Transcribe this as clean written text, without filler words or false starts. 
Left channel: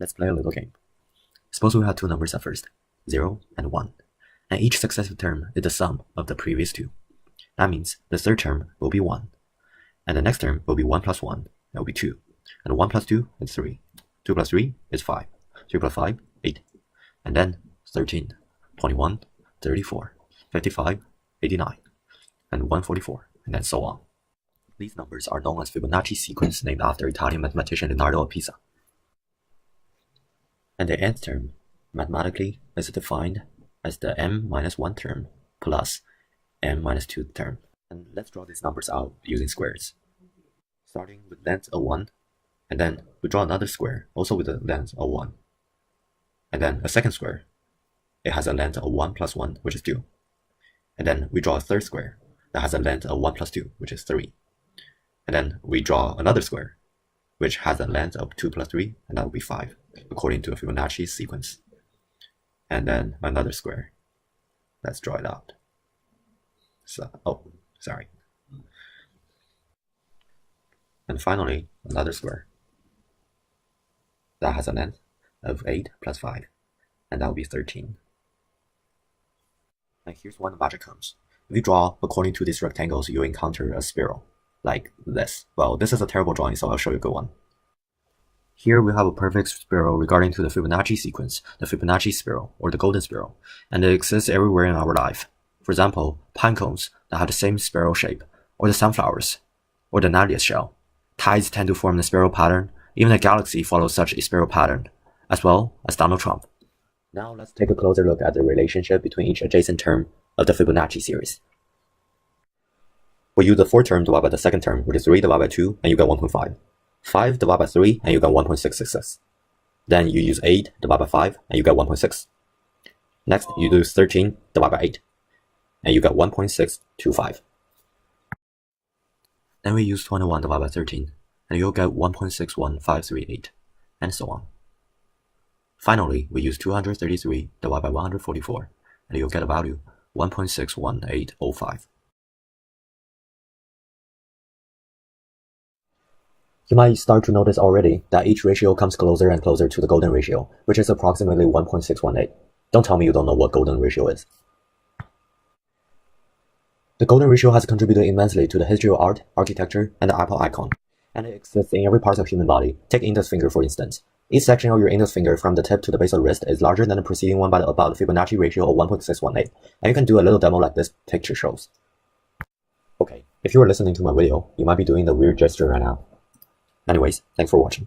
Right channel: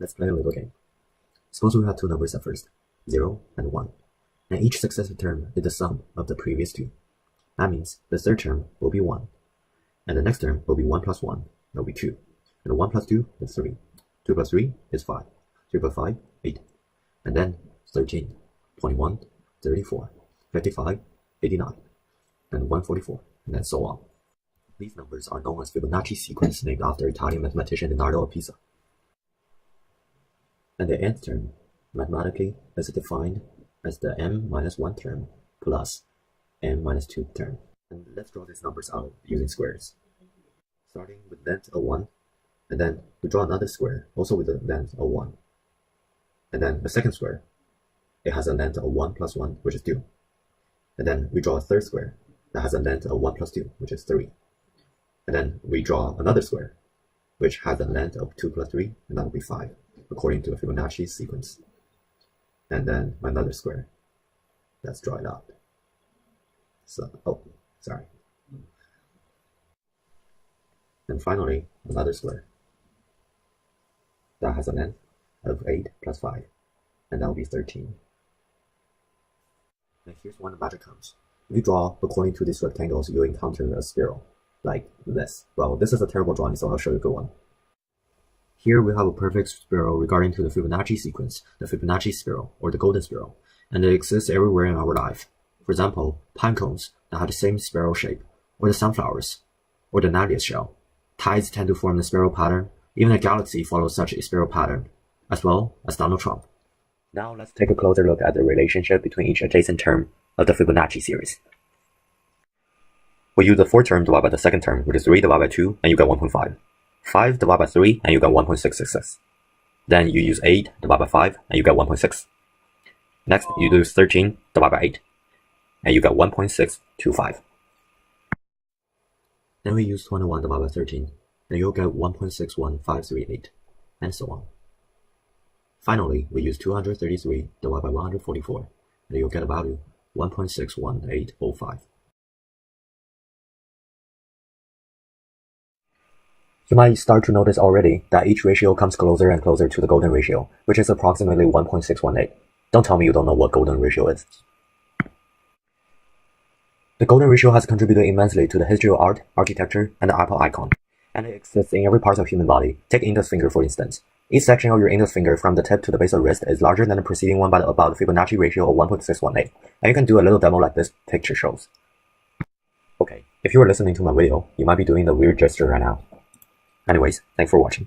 Let's play a little game. Suppose we have two numbers at first, 0 and 1, and each successive term is the sum of the previous two. That means the third term will be 1, and the next term will be 1 plus 1, it will be 2, and 1 plus 2 is 3, 2 plus 3 is 5, 3 plus 5, 8, and then 13, 21, 34, 55, 89, and 144, and then so on. These numbers are known as Fibonacci sequence, named after Italian mathematician Leonardo of Pisa. And the nth term, mathematically, is defined as the m-1 term plus m-2 term. And let's draw these numbers out using squares. Starting with length of 1, and then we draw another square, also with a length of 1. And then a second square, it has a length of 1 plus 1, which is 2. And then we draw a third square that has a length of 1 plus 2, which is 3. And then we draw another square, which has a length of 2 plus 3, and that will be 5, according to a Fibonacci sequence. And then another square. Let's draw it out. So, sorry. And finally, another square that has a length of 8 plus 5, and that will be 13. And here's when the magic comes. If you draw according to these rectangles, you'll encounter a spiral, like this. Well, this is a terrible drawing, so I'll show you a good one. Here we have a perfect spiral regarding to the Fibonacci sequence, the Fibonacci spiral, or the golden spiral, and it exists everywhere in our life. For example, pine cones that have the same spiral shape, or the sunflowers, or the nuttiest shell. Tides tend to form the spiral pattern. Even a galaxy follows such a spiral pattern, as well as Donald Trump. Now let's take a closer look at the relationship between each adjacent term of the Fibonacci series. We use the fourth term divided by the second term, which is 3 divided by 2, and you get 1.5. 5 divided by 3, and you get 1.666. Then you use 8 divided by 5, and you get 1.6. Next, you use 13 divided by 8, and you get 1.625. Then we use 21 divided by 13, and you'll get 1.61538, and so on. Finally, we use 233 divided by 144, and you'll get a value 1.61805. You might start to notice already that each ratio comes closer and closer to the golden ratio, which is approximately 1.618. Don't tell me you don't know what golden ratio is. The golden ratio has contributed immensely to the history of art, architecture, and the Apple icon, and it exists in every part of the human body. Take index finger for instance. Each section of your index finger from the tip to the base of the wrist is larger than the preceding one by about the Fibonacci ratio of 1.618, and you can do a little demo like this picture shows. Okay, if you are listening to my video, you might be doing the weird gesture right now. Anyways, thanks for watching.